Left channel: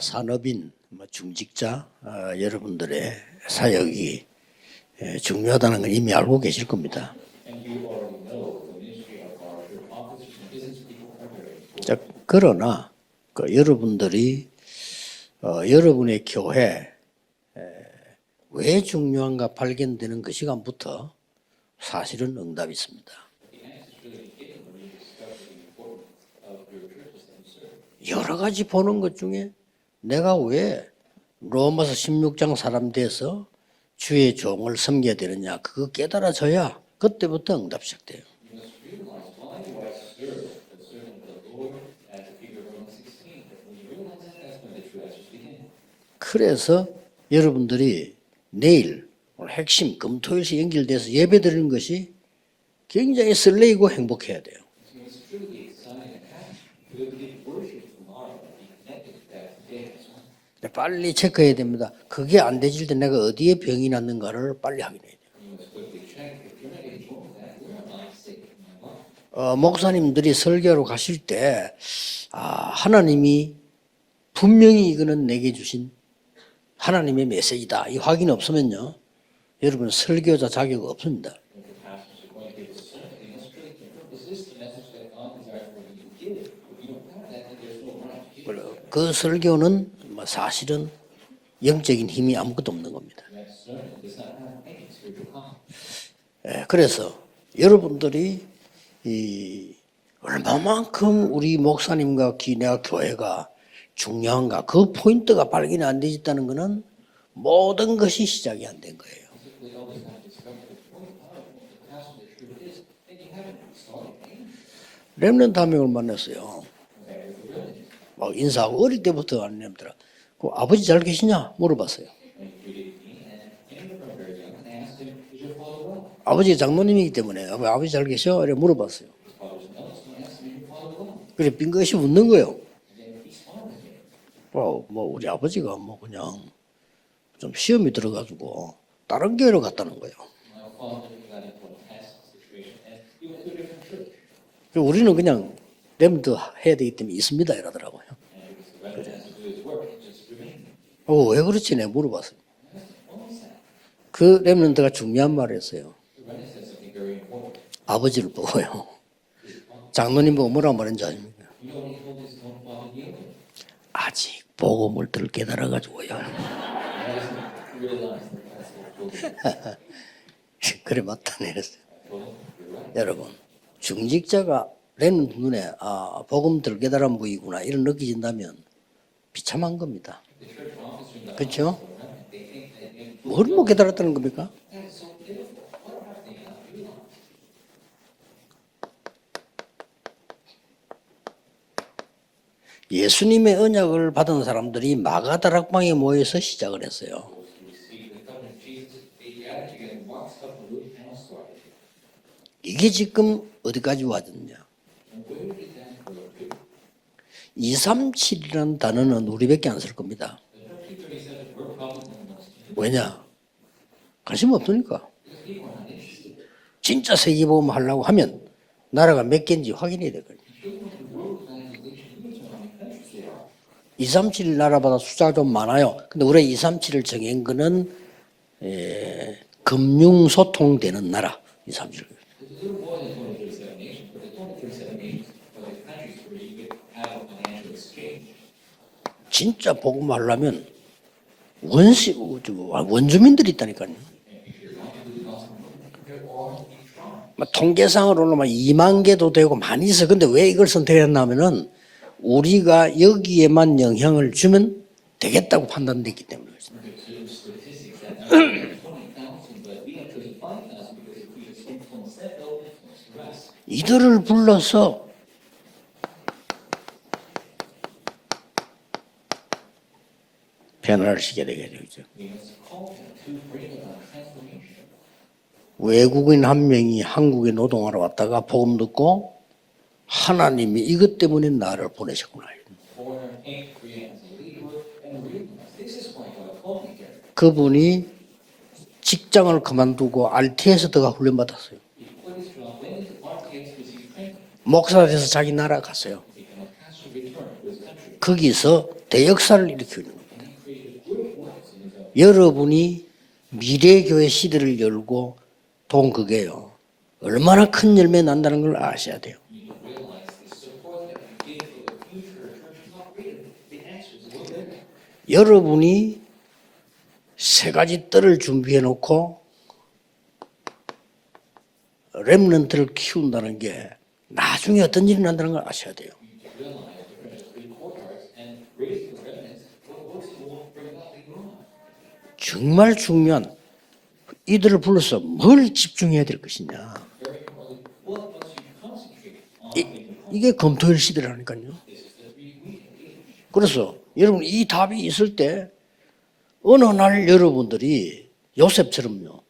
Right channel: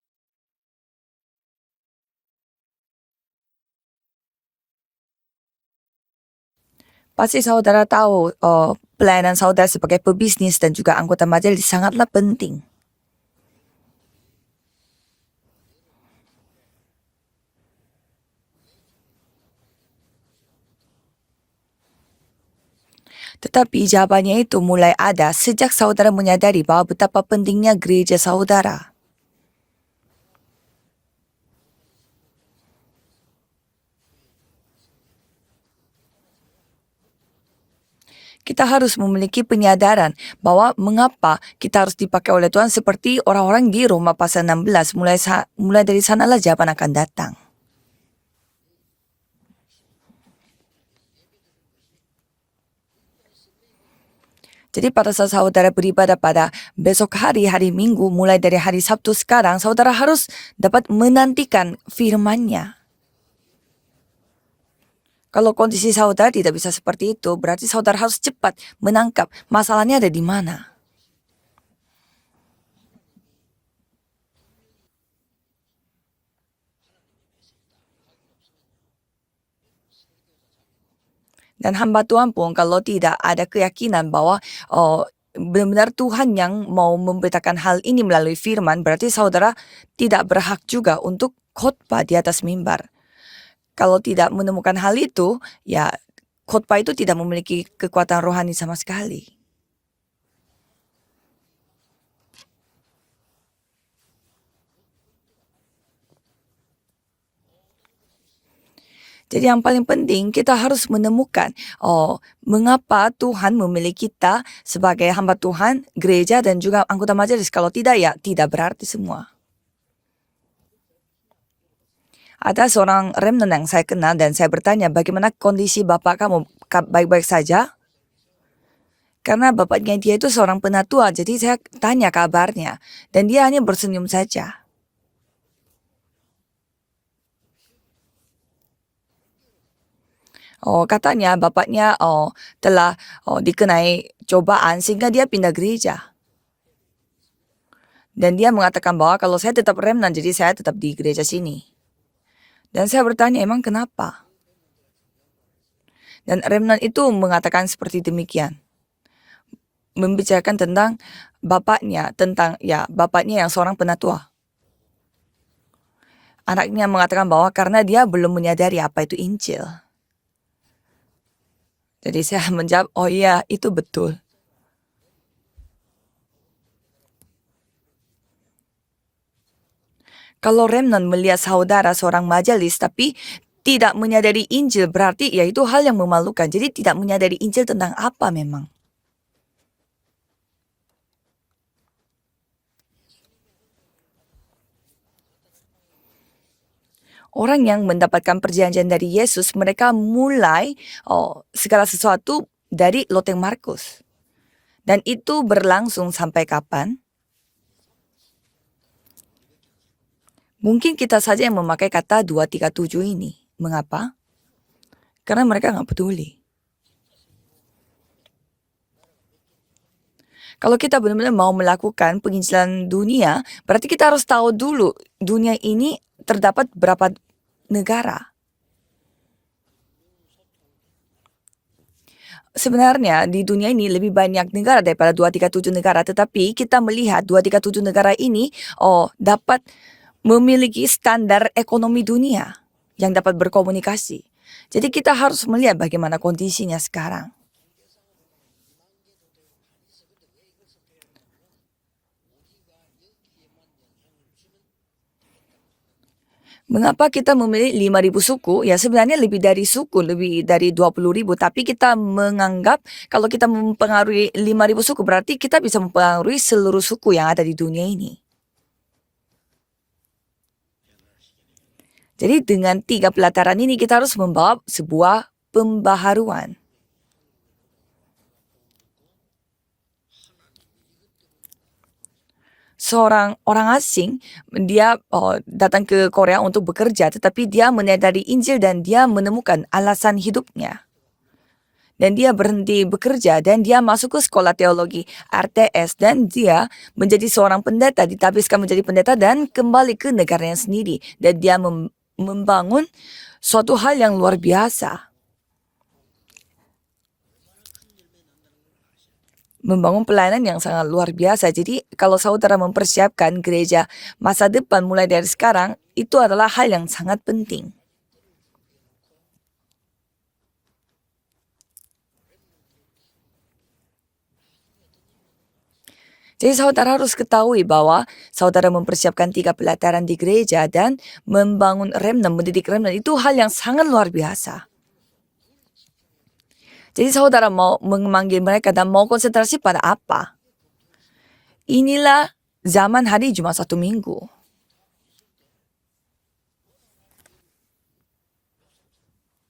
산업인, 중직자 여러분들의 사역이 중요하다는 걸 이미 알고 계실 겁니다. Pasti saudara tahu pelayanan saudara sebagai pebisnis dan juga anggota majelis sangatlah penting. 그러나 여러분들이 여러분의 교회 왜 중요한가 발견되는 그 시간부터 사실은 응답이 있습니다. Tetapi jawabannya itu mulai ada sejak saudara menyadari bahwa betapa pentingnya gereja 여러 가지 saudara. 보는 것 중에 내가 왜 로마서 16장 사람 돼서 주의 종을 섬겨야 되느냐 그거 깨달아져야 그때부터 응답 시작돼요. Kita harus memiliki penyadaran bahwa mengapa kita harus dipakai oleh Tuhan seperti orang-orang di Roma pasal 16. Mulai dari sanalah jawaban akan datang. 여러분들이 내일 오늘 핵심 금토일시 연결돼서 예배드리는 것이 굉장히 설레이고 행복해야 돼요. Jadi pada saat saudara beribadah pada besok hari Minggu, mulai dari hari Sabtu sekarang, saudara harus dapat 빨리 체크해야 menantikan 됩니다. 그게 안 firman-Nya. 되질 때 내가 어디에 병이 났는가를 빨리 확인해야 돼요. Kalau kondisi saudara tidak bisa seperti itu, berarti saudara harus cepat menangkap masalahnya ada di 목사님들이 mana. 설교로 가실 때 하나님이 분명히 이거는 내게 주신 하나님의 메시지다. 이 확인 없으면요. 여러분 설교자 자격 없습니다. Dan hamba Tuhan pun kalau tidak ada keyakinan bahwa benar-benar Tuhan yang mau memberitakan hal ini melalui firman, berarti saudara tidak berhak juga untuk khotbah di atas mimbar. Kalau tidak menemukan hal itu, ya khotbah itu tidak memiliki kekuatan rohani sama sekali. 얼마만큼 우리 목사님과 기내와 교회가 중요한가 그 포인트가 발견이 안 되었다는 것은 모든 것이 시작이 안 된 거예요. Jadi yang paling penting kita harus menemukan mengapa Tuhan memilih kita sebagai hamba Tuhan, gereja dan juga anggota majelis. Kalau tidak ya tidak berarti 어릴 semua. 때부터 아내들아, 아버지 잘 계시냐 물어봤어요. Ada seorang remnant yang saya kenal dan saya bertanya bagaimana kondisi bapak kamu, 아버지 장모님이기 baik-baik 때문에 saja? 아버지 잘 계셔? 이래 물어봤어요. Karena bapaknya dia itu seorang penatua, jadi saya 빙긋이 tanya 웃는 거예요. kabarnya. Dan dia hanya bersenyum saja. 뭐 우리 아버지가 뭐 그냥 좀 시험이 들어가지고 다른 교회로 갔다는 거예요. Katanya bapaknya telah dikenai cobaan sehingga dia pindah gereja. 렘드 해야 되기 때문에 있습니다 이러더라고요. Dan dia mengatakan bahwa kalau saya tetap remnant, jadi saya tetap di gereja 왜 sini. 그렇지 내가 물어봤어요. Dan saya bertanya emang kenapa? 그 렘넌트가 중요한 말을 했어요. Dan remnant itu mengatakan seperti 아버지를 demikian. 보고요. Membicarakan 장모님은 tentang 뭐라고 하는지 bapaknya yang seorang penatua. 아직 복음을 덜 깨달아가지고요. Anaknya mengatakan bahwa karena dia belum menyadari apa itu Injil. 그래 맞다네 그랬어요. Jadi saya menjawab, oh iya itu betul. 중직자가 렘넌트 눈에 복음 덜 깨달은 부이구나 이런 느껴진다면 비참한 겁니다. Kalau remnant melihat saudara seorang majelis tapi tidak menyadari Injil, berarti ya itu hal yang memalukan. Jadi tidak menyadari Injil tentang apa memang. 예수님의 언약을 받은 사람들이 마가다락방에 모여서 시작을 했어요. Orang yang mendapatkan perjanjian dari Yesus, mereka mulai segala sesuatu dari 이게 loteng 지금 Markus. 어디까지 왔느냐? Dan itu berlangsung sampai kapan? 237이라는 단어는 우리밖에 안 쓸 겁니다. Mungkin kita saja yang memakai kata 237 ini. Mengapa? 관심 없으니까. Karena mereka nggak peduli. 진짜 세계보험 하려고 하면 나라가 몇 개인지 확인해야 되거든요. Kalau kita benar-benar mau melakukan penginjilan dunia, berarti kita harus tahu dulu dunia ini terdapat berapa negara. 금융소통되는 나라 237. Sebenarnya di dunia ini lebih banyak negara daripada 237 negara, tetapi kita melihat 237 negara ini dapat memiliki standar ekonomi dunia yang dapat berkomunikasi. Jadi kita harus melihat bagaimana kondisinya sekarang. 통계상으로는 2만 개도 되고 많이 있어. 근데 왜 이걸 선택했냐면은 우리가 여기에만 영향을 주면 되겠다고 판단됐기 때문에. Mengapa kita memilih 5.000 suku? Ya sebenarnya lebih dari suku, lebih dari 20.000. Tapi kita menganggap kalau kita mempengaruhi 5.000 suku berarti kita bisa mempengaruhi seluruh suku yang ada di dunia ini. 변화를 시켜야 되겠죠. Jadi dengan 3 pelataran ini kita harus membawa sebuah 외국인 pembaharuan. 한 명이 한국에 노동하러 왔다가 복음 듣고 하나님이 이것 때문에 나를 보내셨구나. Seorang orang asing dia datang ke Korea untuk bekerja, tetapi dia menyadari Injil dan dia menemukan alasan hidupnya. RT에서 들어가 훈련 받았어요. dan dia berhenti bekerja dan dia masuk ke sekolah teologi 목사 돼서 자기 나라 RTS 갔어. dan dia menjadi seorang pendeta, ditabiskan 거기서 menjadi pendeta dan 대역사를 kembali 일으키고 ke negaranya sendiri dan dia membangun 여러분이 suatu hal yang 미래교회 luar 시대를 biasa. 열고 돈 그게요. 얼마나 큰 열매 난다는 걸 아셔야 돼요. Membangun pelayanan yang sangat luar biasa. Jadi kalau saudara mempersiapkan gereja masa depan mulai dari sekarang, 여러분이 itu adalah hal yang sangat penting. 세 가지 뜰을 준비해 놓고 렘넌트를 키운다는 게 나중에 어떤 일이 난다는 걸 아셔야 돼요. Jadi saudara harus ketahui bahwa saudara mempersiapkan 3 pelataran di gereja dan membangun remnant, mendidik remnant itu hal yang sangat luar biasa. 이들을 불러서 뭘 집중해야 될 것이냐. Jadi saudara mau memanggil mereka dan mau konsentrasi pada apa? 이게 검토일 시대라니까요. Inilah zaman hari Jumat 그래서 satu minggu. 여러분 이 답이 있을 때 어느 날 여러분들이 요셉처럼요.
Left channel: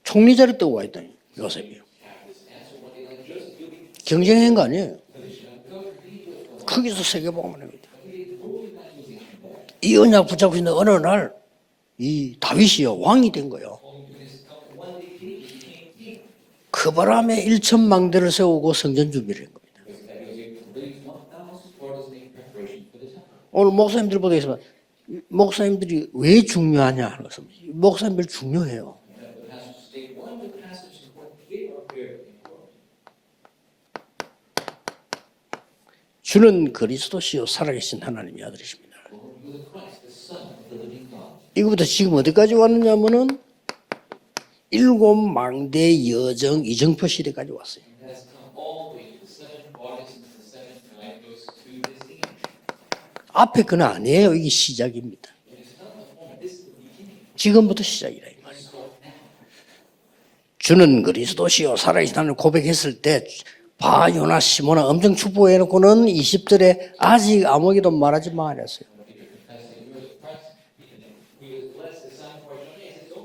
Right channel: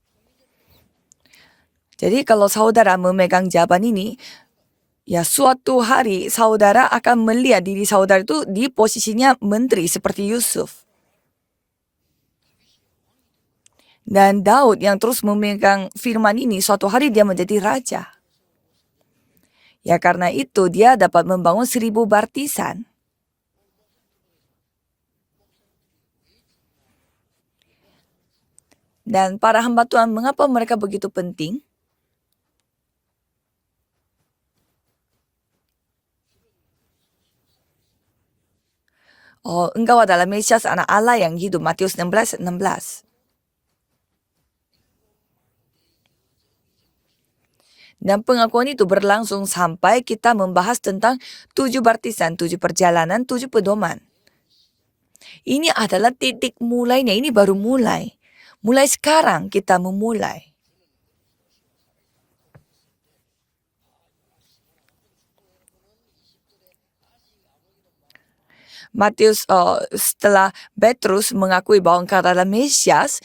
총리 자리 뜨고 와 있다니 요셉이요. Jadi kalau saudara memegang jawaban ini, 경쟁한 거 아니에요. ya suatu hari saudara Kan akan Yusuf melihat diri saudara itu di posisinya menteri 이 언약 seperti 붙잡고 Yusuf. 있는 어느 날 이 다윗이요 왕이 된 거예요. Dan Daud yang terus memegang firman ini, suatu hari dia 바람에 menjadi 1천 raja. 망대를 세우고 성전 준비를 한 겁니다. Ya karena itu dia dapat membangun 1000 baptisan. 오늘 목사님들 보다 있으면 목사님들이 왜 중요하냐 하는 것은 목사님들 중요해요. Dan para hamba Tuhan, mengapa mereka begitu penting? 주는 그리스도시요 살아계신 하나님의 아들이십니다. Engkau adalah Mesias anak Allah yang hidup. 이부터 Matius 지금 16, 어디까지 16. 왔냐면은 일곱 망대 여정 이정표 시대까지 왔어요. Dan pengakuan itu berlangsung sampai kita membahas tentang 7 baptisan, 7 perjalanan, 7 앞에 건 pedoman. 아니에요. 이게 시작입니다. Ini adalah titik mulainya, ini baru 지금부터 mulai. 시작이라. Mulai sekarang kita memulai. 주는 그리스도시요 살아계신 하나님을 고백했을 때 바요나 시모나 엄청 축복해놓고는 20절에 아직 아무에게도 말하지 마 그랬어요. Matius setelah Petrus mengakui bahwa engkau adalah Mesias,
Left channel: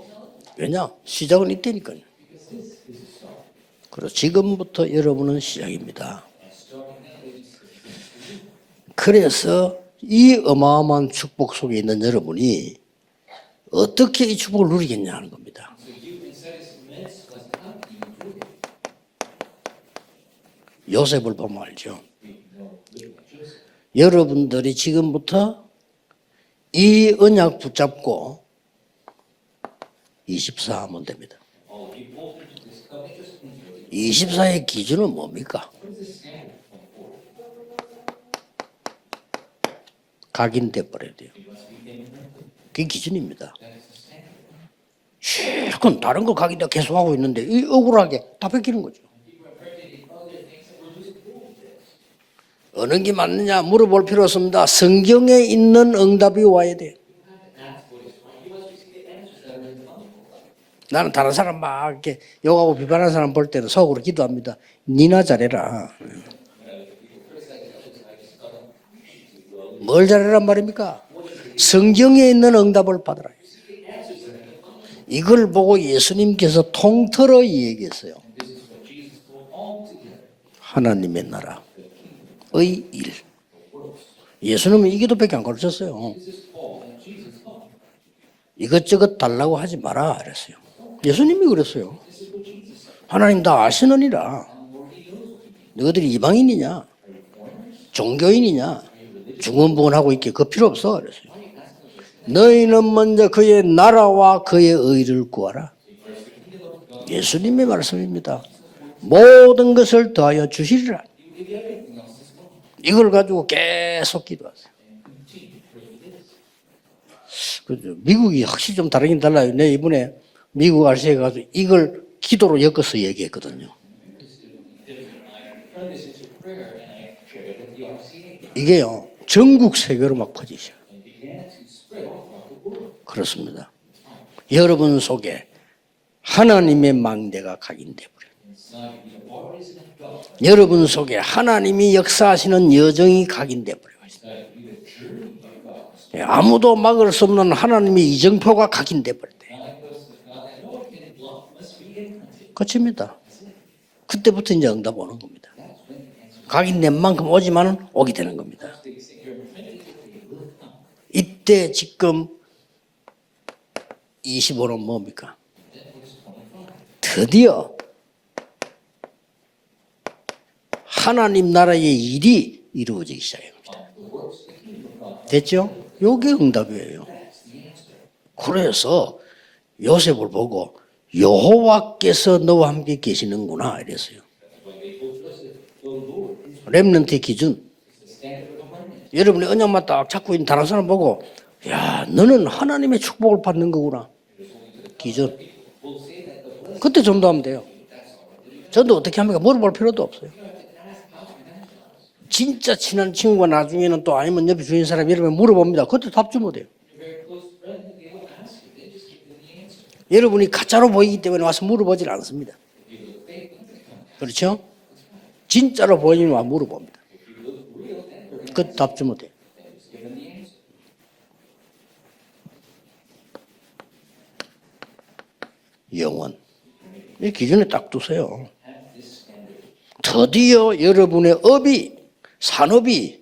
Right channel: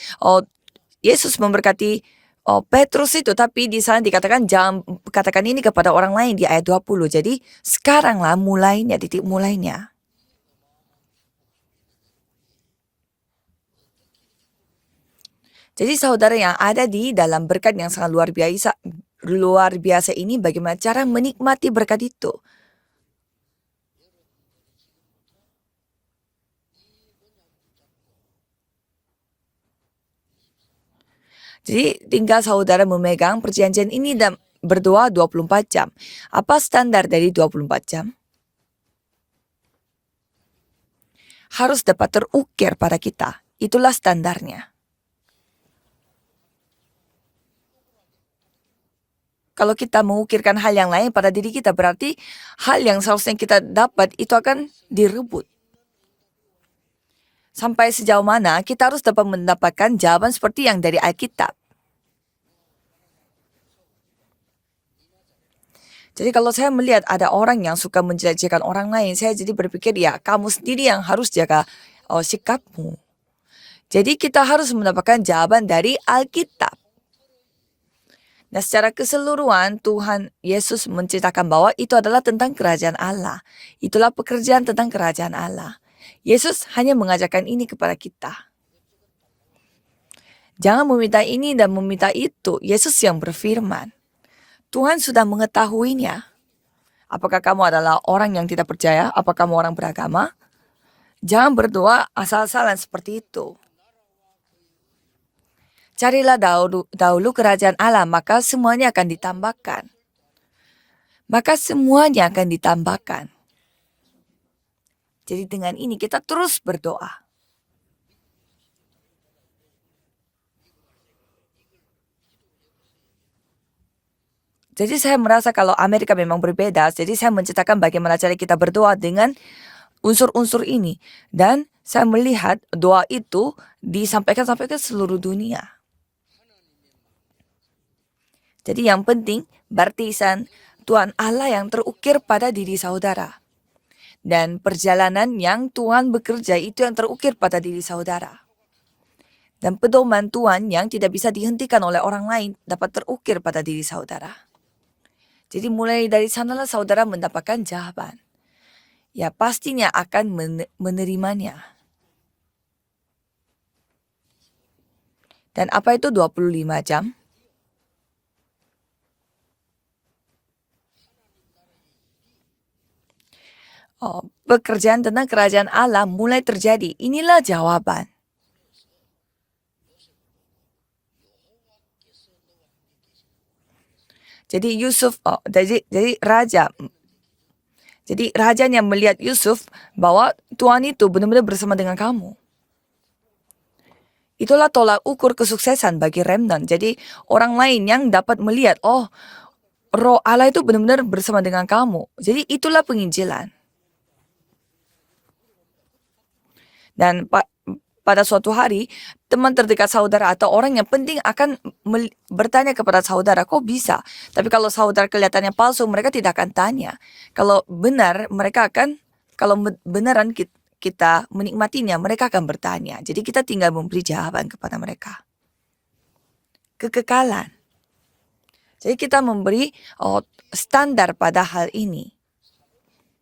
왜냐? Yesus 시작을 memberkati Petrus itu, tapi di sana dikatakan jangan katakan ini kepada orang lain di ayat 20. Jadi sekaranglah mulainya, titik 그래서 mulainya. 이 어마어마한 축복 속에 있는 여러분이 어떻게 이 축복을 누리겠냐 하는 겁니다. Jadi saudara yang ada di dalam berkat yang sangat luar biasa ini, bagaimana cara Yosef menikmati berpamaja. berkat itu? 여러분들이 지금부터 이 언약 붙잡고 24 하면 됩니다. Jadi tinggal saudara memegang perjanjian ini dan 24 berdoa 기준은 24 jam. Apa standar dari 24 jam? 각인돼 버려야 돼요. Harus dapat terukir pada kita. 기준입니다. Itulah standarnya. 실컷 다른 거 각인돼 계속 하고 있는데 이 억울하게 다 뺏기는 거죠. Kalau kita mengukirkan hal yang lain pada diri kita, berarti hal yang 어떤 게 seharusnya kita 맞느냐 물어볼 dapat 필요 itu akan 없습니다. 성경에 있는 응답이 와야 돼. sampai sejauh mana kita harus dapat mendapatkan jawaban seperti yang dari 난 ayat 다른 kita. 사람 막 이렇게 욕하고 비판하는 사람 볼 때는 속으로 기도합니다. 니나 잘해라. Jadi kalau saya melihat ada orang yang suka menjelek-jelekan orang lain, saya jadi berpikir 뭘 ya 잘하란 kamu sendiri yang 말입니까? harus jaga 성경에 있는 sikap. 응답을 받아라. Jadi kita harus mendapatkan 이걸 jawaban 보고 dari 예수님께서 Alkitab. 통틀어 얘기했어요. Nah secara keseluruhan Tuhan Yesus 하나님의 menceritakan 나라. bahwa itu adalah tentang kerajaan Allah. Itulah pekerjaan 예수님은 tentang 이기도밖에 kerajaan 안 Allah. 가르쳤어요. Yesus hanya mengajarkan ini kepada kita. 이것저것 달라고 하지 마라 그랬어요. Jangan meminta 예수님이 ini dan 그랬어요. meminta itu. Yesus yang 하나님 다 berfirman. 아시느니라. Tuhan sudah 너희들이 mengetahuinya. 이방인이냐? Apakah kamu adalah orang yang tidak 종교인이냐? percaya? Apakah kamu orang 주원봉원하고 beragama? 있게 그 필요 없어 그랬어요. Jangan berdoa asal-asalan 너희는 seperti 먼저 그의 나라와 그의 의를 구하라. carilah dahulu 예수님의 kerajaan Allah, 말씀입니다. maka semuanya akan 모든 ditambahkan. 것을 더하여 주시리라. Maka semuanya akan 이걸 ditambahkan. 가지고 계속 기도하세요. Jadi dengan ini kita terus berdoa. 그죠? 미국이 확실히 좀 다르긴 달라요. 내 이번에 미국 RC에 가서 이걸 기도로 엮어서 얘기했거든요. Jadi saya merasa kalau Amerika memang berbeda. Jadi saya menceritakan bagaimana cara kita 이게 berdoa dengan 전국 세계로 unsur-unsur ini. Dan saya melihat doa itu disampaikan sampai ke 여러분 seluruh 속에 dunia. 하나님의 망대가 각인돼 버려요. Jadi yang penting baptisan 여러분 Tuhan 속에 Allah yang 하나님이 terukir pada 역사하시는 diri 여정이 saudara. 각인돼 버려요. Dan perjalanan yang Tuhan bekerja 아무도 itu yang 막을 수 terukir 없는 pada diri 하나님의 saudara. 이정표가 각인돼 버려요. Dan pedoman Tuhan yang tidak bisa dihentikan oleh orang lain dapat 그렇습니다. terukir pada diri saudara. 그때부터 이제 응답 오는 겁니다. Jadi mulai dari sana 각인된 saudara 만큼 mendapatkan 오지만 jawaban. 오게 되는 겁니다. Ya pastinya akan menerimanya. 이때 지금 25는 뭡니까? Dan apa itu 25 jam? 드디어 하나님 나라의 일이 이루어지기 시작합니다. Pekerjaan tentang kerajaan Betul. Allah Yoga mulai enggak terjadi. begitu. Inilah jawaban. 그래서 요셉을 보고 여호와께서 너와 함께 계시는구나 이랬어요. Jadi Yusuf, jadi raja, 렘넌트의 기준. jadi rajanya melihat 여러분 Yusuf 그냥 맞다. bahwa 자꾸 다른 Tuhan 사람 itu 보고 benar-benar bersama dengan 야, kamu. 너는 하나님의 축복을 받는 거구나. Itulah tolak ukur kesuksesan bagi remnant. Jadi 그때 정도하면 orang 돼요. lain yang dapat melihat, 저도 oh 어떻게 합니까? 물어볼 필요도 roh 없어요. Allah itu benar-benar bersama dengan kamu. Jadi 진짜 itulah 친한 친구가 penginjilan. 나중에는 또 아니면 옆에 주인 사람 여러분 물어봅니다. 그때 답 주면 돼요. Dan pada suatu hari teman terdekat saudara 여러분이 atau orang 가짜로 yang penting 보이기 때문에 akan 와서 물어보질 않습니다. bertanya kepada saudara, kok bisa? 그렇죠? Tapi kalau saudara kelihatannya palsu, 진짜로 mereka tidak 보이면 akan 물어봐. tanya. Kalau benar, mereka 그때 akan, 답 주면 돼요. kalau beneran kita menikmatinya, mereka akan bertanya. Jadi kita tinggal memberi jawaban kepada mereka. 영원. 이 Kekekalan. 기준에 딱 두세요. Jadi kita memberi 드디어 standar 여러분의 pada hal 업이 ini. 산업이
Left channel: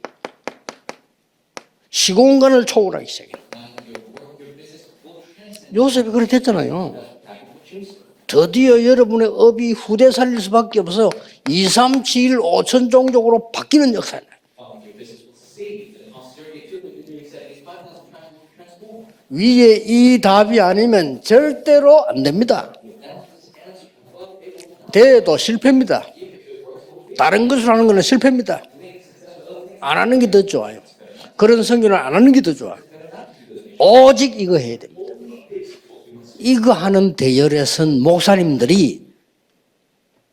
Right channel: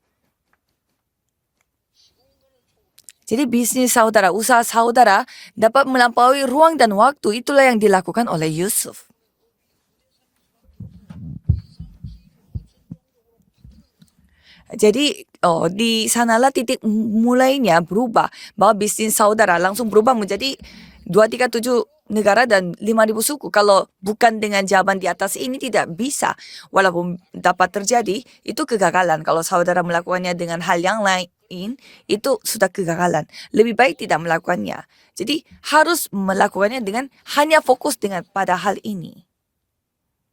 시공간을 초월하기 시작해요. Jadi bisnis saudara, usaha saudara dapat Yusuf melampaui 그렇게 ruang 했잖아요. dan waktu. Itulah yang dilakukan oleh 드디어 Yusuf. 여러분의 업이 후대 살릴 수밖에 없어요. 2, 3, 7, 5천 종족으로 바뀌는 역사예요. Jadi di sanalah titik mulainya berubah bahwa bisnis saudara 이- langsung berubah 이 답이 menjadi 아니면 237 절대로 안 negara 됩니다. dan 5.000 suku. Kalau bukan dengan jawaban di 돼도 atas ini 실패입니다. tidak bisa. Walaupun 다른 dapat 것을 하는 건 terjadi, 실패입니다. itu kegagalan. Kalau saudara 안 하는 게 melakukannya 더 dengan 좋아. hal yang lain, 그런 선교는 안 하는 게 itu 더 sudah 좋아. kegagalan. Lebih baik tidak 오직 이거 melakukannya. 해야 돼. Jadi harus 이거 melakukannya 하는 dengan hanya 대열에 fokus 선 dengan pada hal 목사님들이 ini.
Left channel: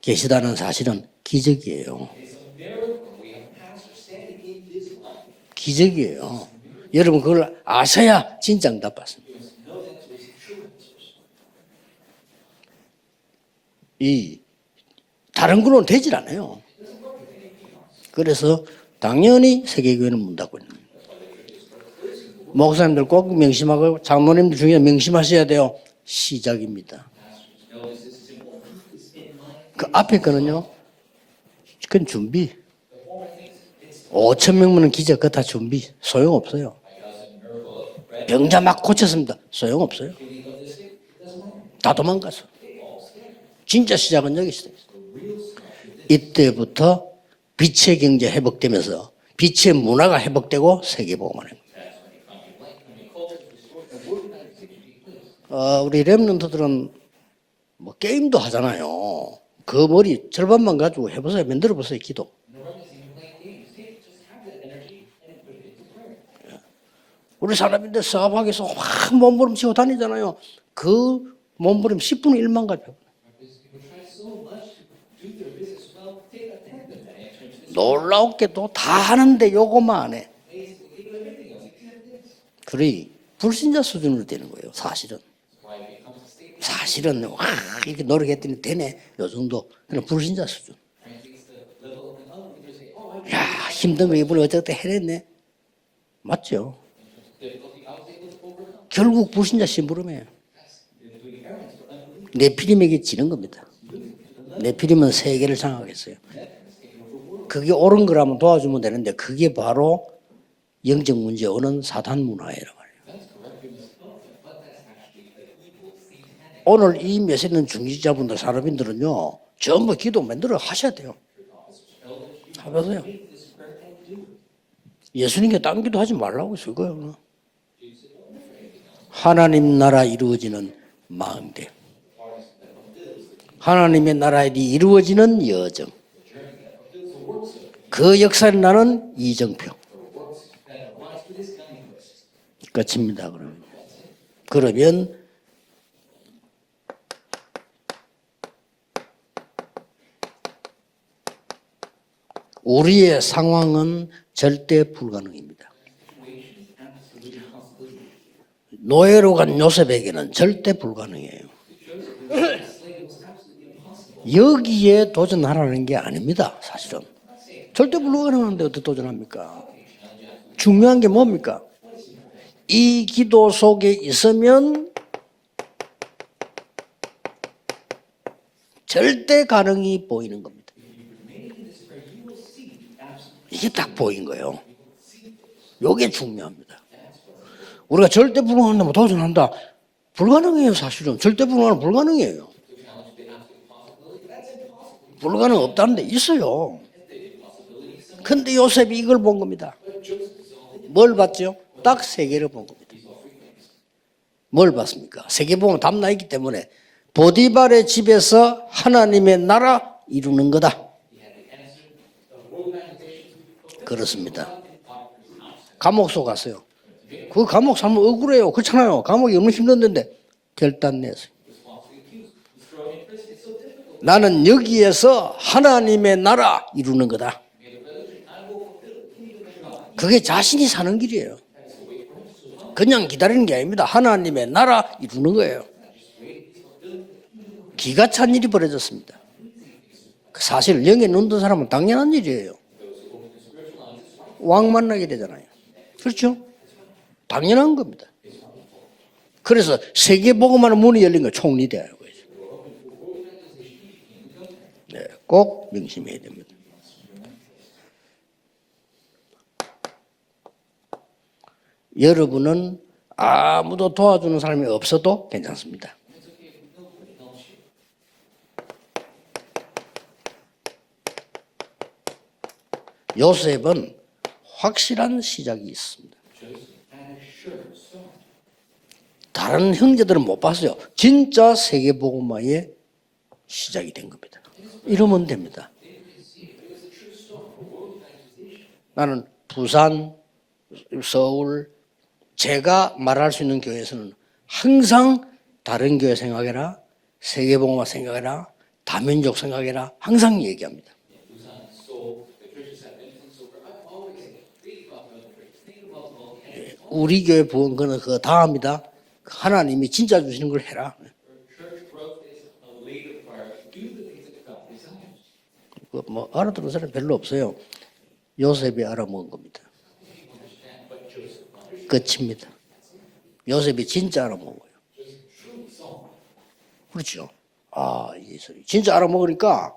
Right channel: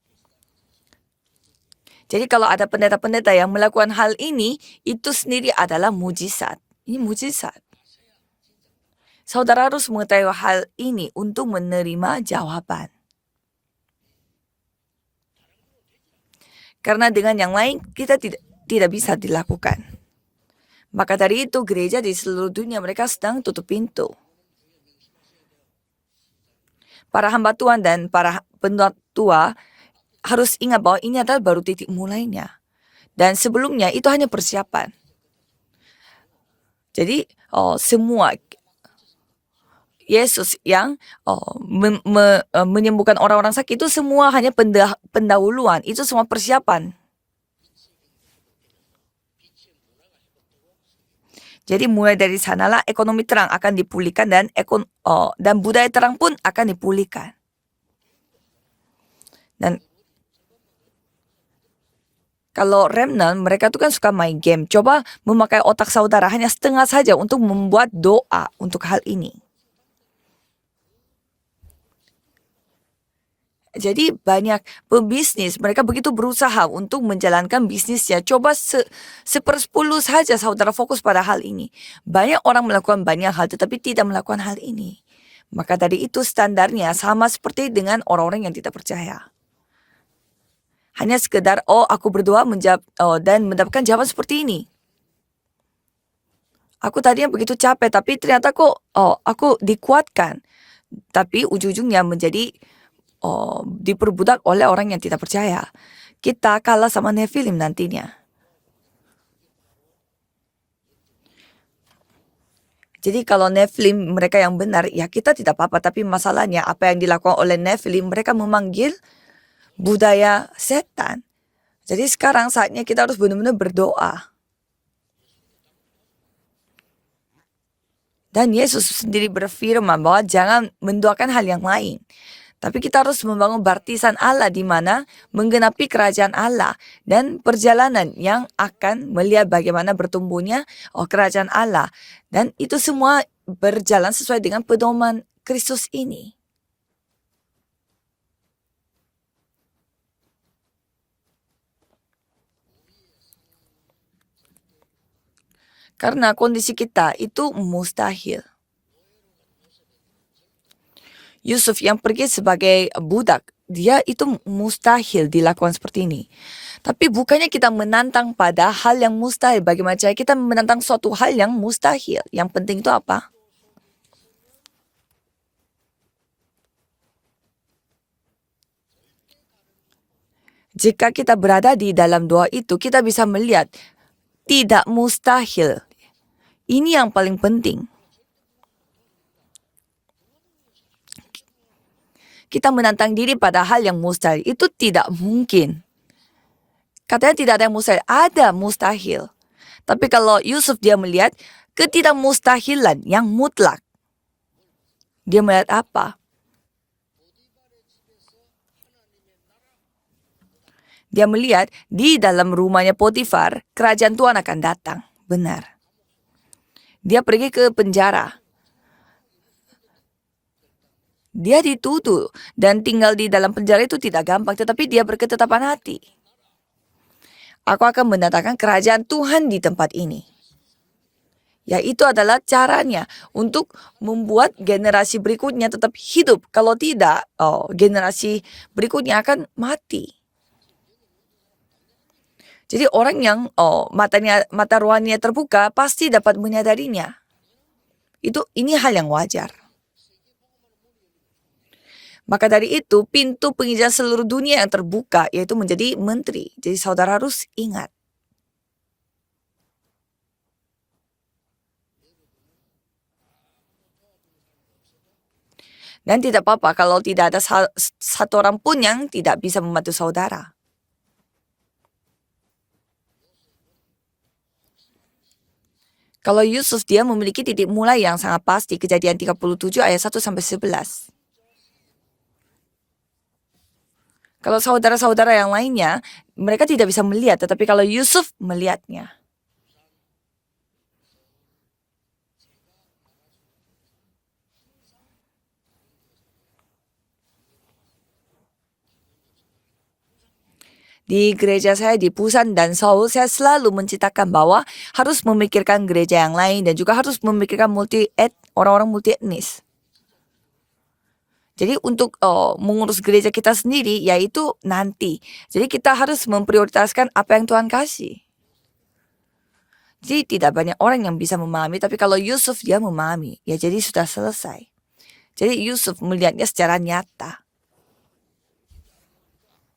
계시다는 사실은 기적이에요. Jadi kalau ada pendeta-pendeta yang melakukan hal ini, itu sendiri adalah 기적이에요. mujizat. Ini 여러분 그걸 mujizat. 아셔야 진짜 응답받습니다. Saudara harus mengetahui hal ini untuk menerima jawaban. 이 다른 거로는 되질 않아요. Karena dengan yang lain kita 그래서 tidak bisa 당연히 dilakukan. 세계교회는 문 닫고 있는 거예요. Maka dari itu gereja di seluruh dunia 목사님들 mereka 꼭 sedang tutup 명심하고 pintu. 장로님들 중에 명심하셔야 돼요. 시작입니다. Para hamba Tuhan dan para pendeta tua 그 앞에 harus 거는요. ingat bahwa ini adalah baru titik 그 mulainya. Dan sebelumnya itu hanya 5천 명 persiapan. 는 기적 그거 다 준비 소용없어요. Jadi semua 병자 막 고쳤습니다. 소용없어요. Yesus yang 도망갔어. menyembuhkan orang-orang sakit itu 진짜 semua 시작은 hanya pendahuluan. Itu semua persiapan. 이때부터 빛의 경제 회복되면서 빛의 문화가 회복되고 세계복음을 해요. Jadi mulai dari sanalah ekonomi terang akan dipulihkan dan budaya 우리 terang pun 렘넌트들은 akan dipulihkan. 뭐 게임도 하잖아요. 난- 그 머리 절반만 가지고 해보세요. 만들어 보세요. 기도. Kalau remnant mereka tuh kan suka main game. Coba memakai otak saudara hanya setengah saja untuk 우리 membuat 사람들 doa 사방에서 untuk hal 확 ini. 몸부림치고 다니잖아요. 그 몸부림 10분의 1만 가죠. Jadi banyak pebisnis mereka begitu berusaha untuk menjalankan bisnisnya. 놀랍게도 Coba 다 하는데 sepersepuluh 요거만. saja saudara fokus pada hal ini. Banyak orang melakukan banyak hal tetapi 불신자 tidak 수준이 melakukan hal 됩니다. ini. 사실은. Maka dari itu standarnya 사실은 sama 와, seperti dengan 이렇게 orang-orang yang 모르겠기 tidak 때문에 percaya. 요 정도 그냥 불신자 수준. Hanya sekedar aku berdoa dan mendapatkan jawaban seperti ini. 그때 해냈네. 맞죠? Aku tadinya begitu capek tapi ternyata kok 결국 aku 불신자 dikuatkan. Tapi ujung-ujungnya menjadi 네피림에게 지는 겁니다. diperbudak oleh orang yang 네피림은 tidak 세계를 percaya. 장악했어요. Kita kalah sama Nephilim 그게 옳은 nantinya. 거라면 도와주면 되는데 그게 바로 영적 문제 오는 사단 문화예요. Jadi kalau Nephilim mereka yang benar, ya kita tidak apa-apa. Tapi masalahnya apa 오늘 yang 이 dilakukan oleh 메시지는 Nephilim, mereka 중지자분들 memanggil 사람들은요 전부 기도 budaya 만들어 하셔야 돼요. setan. Jadi sekarang saatnya kita harus benar-benar berdoa. 예수님께 딴 기도 하지 말라고 했어요. 그거요. Dan Yesus sendiri 하나님 berfirman 나라 bahwa 이루어지는 jangan mendoakan hal yang lain. Tapi kita harus membangun 하나님의 baptisan Allah di 나라 mana 이루어지는 menggenapi kerajaan Allah dan perjalanan 그 yang 역사를 akan 나는 melihat 이전. bagaimana bertumbuhnya kerajaan Allah. Dan itu 그렇습니다, semua 그럼. berjalan sesuai dengan 그러면 pedoman Kristus ini. 우리의 상황은 절대 불가능입니다. Karena kondisi kita itu mustahil. 노예로 간 요셉에게는 절대 불가능해요. Yusuf yang pergi sebagai budak, dia itu 여기에 mustahil dilakukan 도전하는 게 seperti ini. 아닙니다. Tapi 사실은. bukannya kita menantang 불가능한 pada 게 hal yang 어떻게 mustahil. Bagaimana cara kita menantang 중요한 게 suatu hal 뭡니까? yang mustahil. Yang penting 이 itu apa? 기도 속에 있으면 절대 가능이 보이는 겁니다. Jika kita berada di dalam doa itu, kita bisa melihat 이게 딱 보인 거예요. tidak mustahil. 이게 중요합니다. Ini yang paling penting. 우리가 절대 불가능한다면 도전한다. 불가능해요, 사실은. 절대 불가능은 불가능해요. Kita menantang diri pada hal yang mustahil itu tidak 불가능 mungkin. 없다는데 있어요. Katanya tidak ada yang mustahil, ada 근데 요셉이 이걸 mustahil. 본 겁니다. Tapi kalau Yusuf dia 뭘 melihat 봤죠? 딱 ketidakmustahilan yang mutlak. 뭘 봤습니까? dia melihat 세계복음 apa? 담나 있기 때문에 보디발의 집에서 하나님의 나라 이루는 거다. Dia melihat di dalam rumahnya Potifar, kerajaan Tuhan akan datang. Benar. 감옥소 갔어요. Dia pergi ke 감옥 사면 penjara. 억울해요. 그렇잖아요. 감옥이 얼마나 힘든데 결단 냈어요. Dia dituduh dan tinggal di dalam penjara itu tidak 나는 gampang, tetapi dia 여기에서 berketetapan hati. 하나님의 나라 이루는 거다. Aku akan mendatangkan kerajaan Tuhan di tempat ini. 그게 자신이 사는 길이에요. Ya itu adalah caranya 그냥 기다리는 게 untuk 아닙니다. 하나님의 membuat 나라 generasi 이루는 berikutnya tetap hidup. Kalau tidak, 기가 찬 generasi 일이 벌어졌어요. berikutnya akan mati. 사실 영에 눈 뜬 사람은 당연한 일이에요. Jadi orang yang mata 왕만 rohaninya 얘기잖아요. terbuka pasti 그렇죠? dapat menyadarinya. 당연한 겁니다. Ini hal yang wajar. 그래서 세계복음하는 문이 열린 거 총리대요. Maka dari itu pintu penghijauan seluruh dunia yang terbuka 꼭 yaitu menjadi menteri. Jadi saudara harus ingat. 여러분은 아무도 도와주는 사람이 없어도 괜찮습니다. Dan tidak apa-apa kalau tidak ada satu orang pun yang tidak bisa membantu saudara. 요셉은 확실한 시작이 있습니다. Kalau Yusuf dia memiliki titik mulai yang sangat pasti. Kejadian 다른 37 ayat 1 형제들은 못 sampai 봤어요. 11. 진짜 세계복음화의 시작이 된 겁니다. Kalau saudara-saudara yang lainnya, mereka tidak bisa melihat. Tetapi kalau Yusuf melihatnya. 나는 부산, 서울, 제가 말할 수 있는 교회에서는 항상 다른 교회 생각해라, 세계복음화 생각해라, 다민족 생각해라 항상 얘기합니다. Di gereja saya di Busan dan Seoul, saya selalu menciptakan bahwa harus memikirkan gereja yang lain dan juga harus 우리 교회 memikirkan orang-orang multi etnis. 하나님이 진짜 주시는 걸 해라. Jadi untuk mengurus gereja kita sendiri yaitu nanti. Jadi kita harus memprioritaskan apa yang Tuhan kasih. 요셉이 알아먹은 겁니다. Jadi tidak banyak orang yang bisa memahami, tapi kalau Yusuf dia memahami. Ya, jadi sudah selesai. Jadi Yusuf melihatnya secara nyata. 아, 진짜 알아먹으니까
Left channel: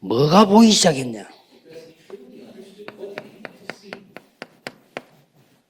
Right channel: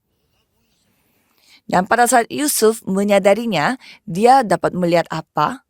뭐가 보이기 시작했냐? Dan pada saat Yusuf menyadarinya, dia dapat melihat apa?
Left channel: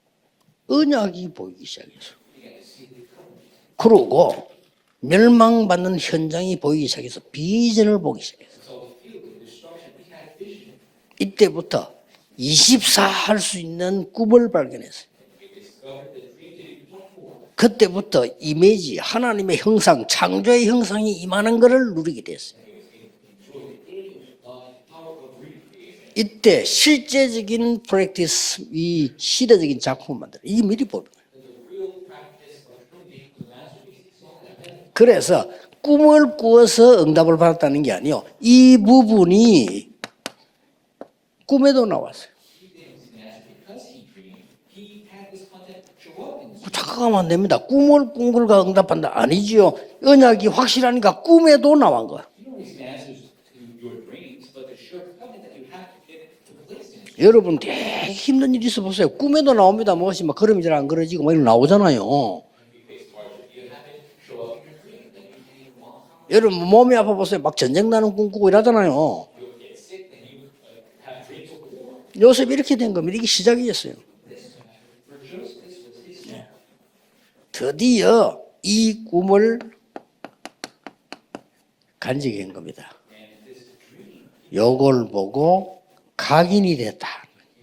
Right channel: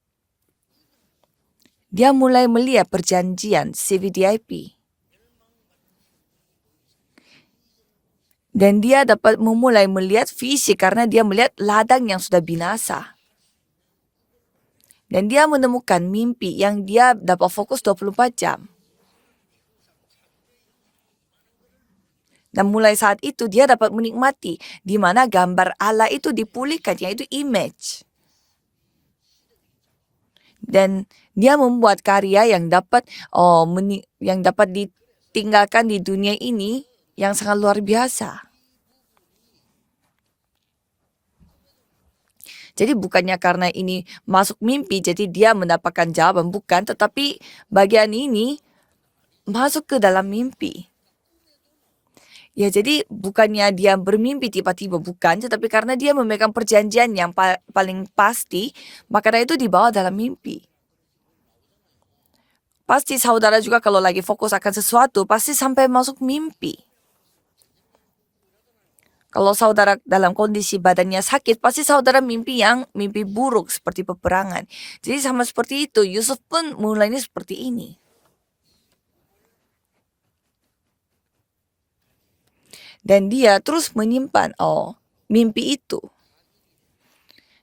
언약이 보이기 시작했어요. Dia mulai melihat perjanjian 그러고 CVDIP. 멸망받는 현장이 보이기 시작해서 비전을 보기 시작했어요. Dan dia dapat memulai melihat visi karena dia melihat 이때부터 ladang yang sudah 24 binasa. 할 수 있는 꿈을 발견했어요. Dan dia menemukan mimpi yang dia dapat fokus 그때부터 24 jam. 이미지 하나님의 형상, 창조의 형상이 임하는 것을 누리게 됐어요. Dan mulai saat itu dia dapat menikmati di mana gambar Allah itu 이때 dipulihkan yaitu 실제적인 image. 프랙티스, 이 시대적인 작품을 만들어. 이 Dan dia membuat karya yang dapat 그래서 ditinggalkan di 꿈을 dunia ini 꾸어서 응답을 yang sangat luar 받았다는 게 아니에요. biasa. 이 부분이 꿈에도 나왔어요. Jadi bukannya karena ini masuk mimpi jadi dia mendapatkan jawaban, bukan, 잠깐만 tetapi 됩니다. bagian 꿈을 ini 꾸고 응답한다 아니지요. masuk ke dalam 언약이 mimpi. 확실하니까 꿈에도 나온 거야. Ya jadi bukannya dia bermimpi tiba-tiba, bukan, tetapi karena dia memegang perjanjian yang 여러분 paling 힘든 pasti, 일 있어 보세요. makanya 꿈에도 itu dibawa 나옵니다. dalam 무엇이 막 mimpi. 그러면 잘 안 그러지고 막 이런 나오잖아요. Pasti saudara juga kalau lagi fokus akan sesuatu pasti sampai masuk 여러분 mimpi. 몸이 아파 보세요. 막 전쟁 나는 꿈 꾸고 이러잖아요. Kalau saudara dalam kondisi badannya sakit, pasti saudara Yusuf mimpi 이렇게 yang 된 겁니다. mimpi 이게 buruk 시작이었어요. seperti peperangan. Jadi sama seperti itu, Yusuf pun mulainya seperti ini. 드디어 이 꿈을 간직한 겁니다. Dan dia terus menyimpan 요걸 보고 mimpi itu. 각인이 됐다.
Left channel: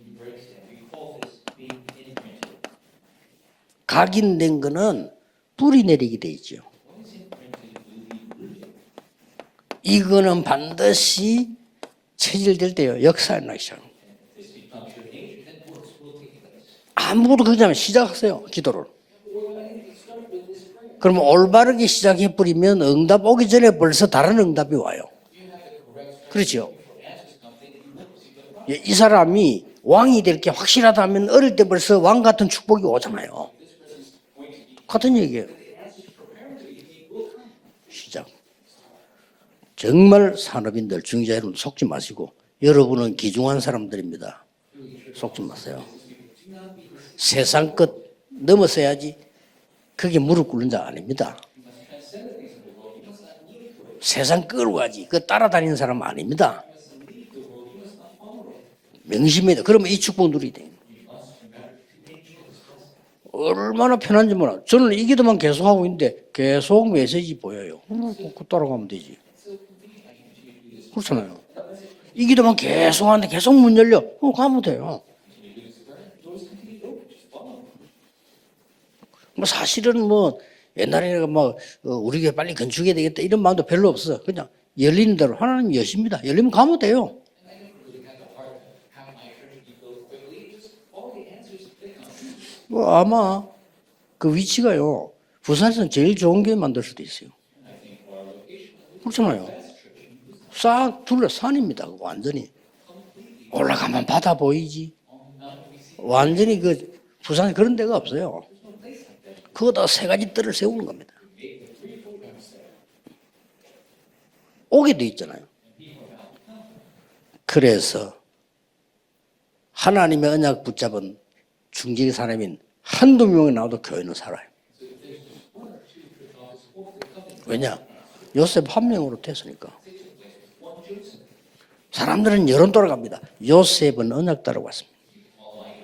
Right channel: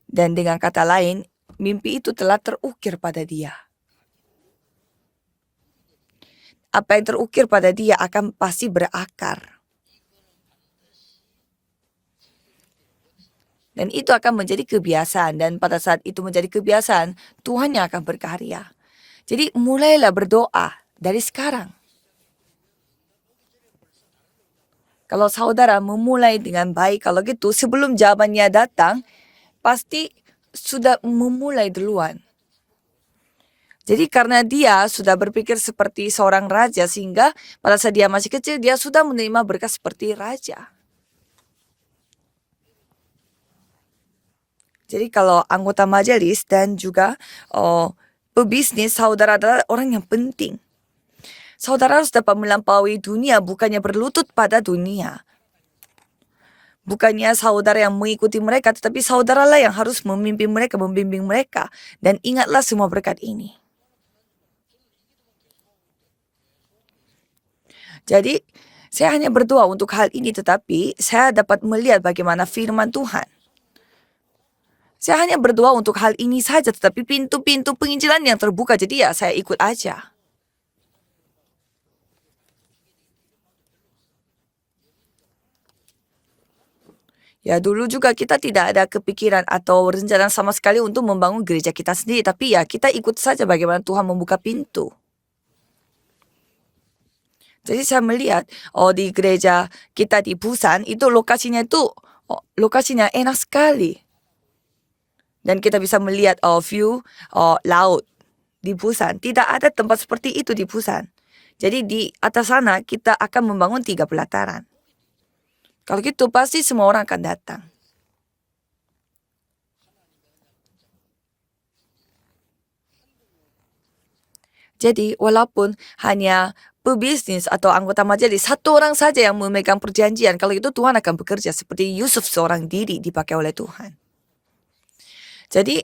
Dan dengan kata lain, mimpi itu telah terukir pada dia. 각인된 거는 뿌리 내리게 돼 있죠. Apa yang terukir pada dia akan pasti berakar. 이거는 반드시 체질될 때요. 역사에 나기 시작. Dan itu akan menjadi kebiasaan. Dan pada saat itu menjadi kebiasaan, 아무것도 그냥 Tuhan yang akan 시작하세요. berkarya. 기도를. Jadi mulailah berdoa. 그럼 Dari sekarang. 올바르게 시작해 버리면 응답 오기 전에 벌써 다른 응답이 와요. Kalau saudara memulai 그렇죠. dengan baik, kalau gitu sebelum jawabannya datang, 이 사람이 pasti 왕이 될 게 확실하다면 sudah 어릴 때 memulai 벌써 duluan. 왕 같은 축복이 오잖아요. jadi karena dia sudah 얘기예요. berpikir seperti seorang raja, sehingga pada saat dia masih kecil, dia sudah menerima berkat seperti 정말 raja. 산업인들, 중자 여러분 속지 마시고 여러분은 귀중한 사람들입니다. Jadi kalau anggota majelis dan juga 세상 oh, 끝 pebisnis, 넘어서야지. saudara adalah orang yang 그게 무릎 penting. 꿇는 자 아닙니다. Saudara harus dapat melampaui dunia, bukannya berlutut 세상 pada 끌고 가지 dunia. 그 따라다니는 사람 아닙니다. Bukannya saudara yang mengikuti mereka, tetapi saudaralah yang 그럼 harus 이 축복을 membimbing mereka. Dan ingatlah semua berkat ini. 얼마나 편한지 몰라. 저는 이 기도만 계속하고 있는데 계속 메시지 보여요. Jadi 따라가면 되지. saya hanya berdoa untuk hal ini, tetapi saya dapat melihat 이 bagaimana 기도만 firman 계속 Tuhan. 하는데 계속 문 열려. 가면 돼요. Saya hanya berdoa untuk hal ini saja, tetapi pintu-pintu penginjilan yang terbuka, jadi ya saya ikut aja. 사실은 뭐 옛날에 막 우리 교회 빨리 건축해야 되겠다 이런 마음도 별로 없어. 그냥 열리는 대로 하나님 여십니다. 열리면 가면 돼요. Ya dulu juga kita tidak ada kepikiran atau rencana sama sekali untuk membangun gereja kita sendiri, tapi ya kita ikut 아마 saja bagaimana Tuhan 그 membuka pintu. 위치가요. 부산에서는 제일 좋은 교회 만들 수도 있어요. Jadi saya melihat di gereja kita di Busan itu 둘러 lokasinya 산입니다. itu 완전히. lokasinya enak sekali, 올라가면 바다 보이지. dan kita bisa melihat 완전히 그 view 부산 그런 데가 laut 없어요. di Busan. Tidak ada 그거 다 tempat 세 가지 seperti itu di 뜰을 세우고. Busan. Jadi di atas sana kita akan membangun 3 pelataran. 오게 돼 있잖아요. Kalau gitu pasti semua orang akan datang. 그래서 하나님의 언약 붙잡은 중직의 사람인 한두 명이 나와도 교회는 살아요. Jadi walaupun hanya pebisnis atau anggota majelis Yosef satu orang 한 saja 명을 yang memegang perjanjian, kalau itu Tuhan akan bekerja seperti Yusuf 사람들은 seorang 여론 diri 따라갑니다. dipakai oleh Tuhan. 요셉은 언약 따라갔습니다. Jadi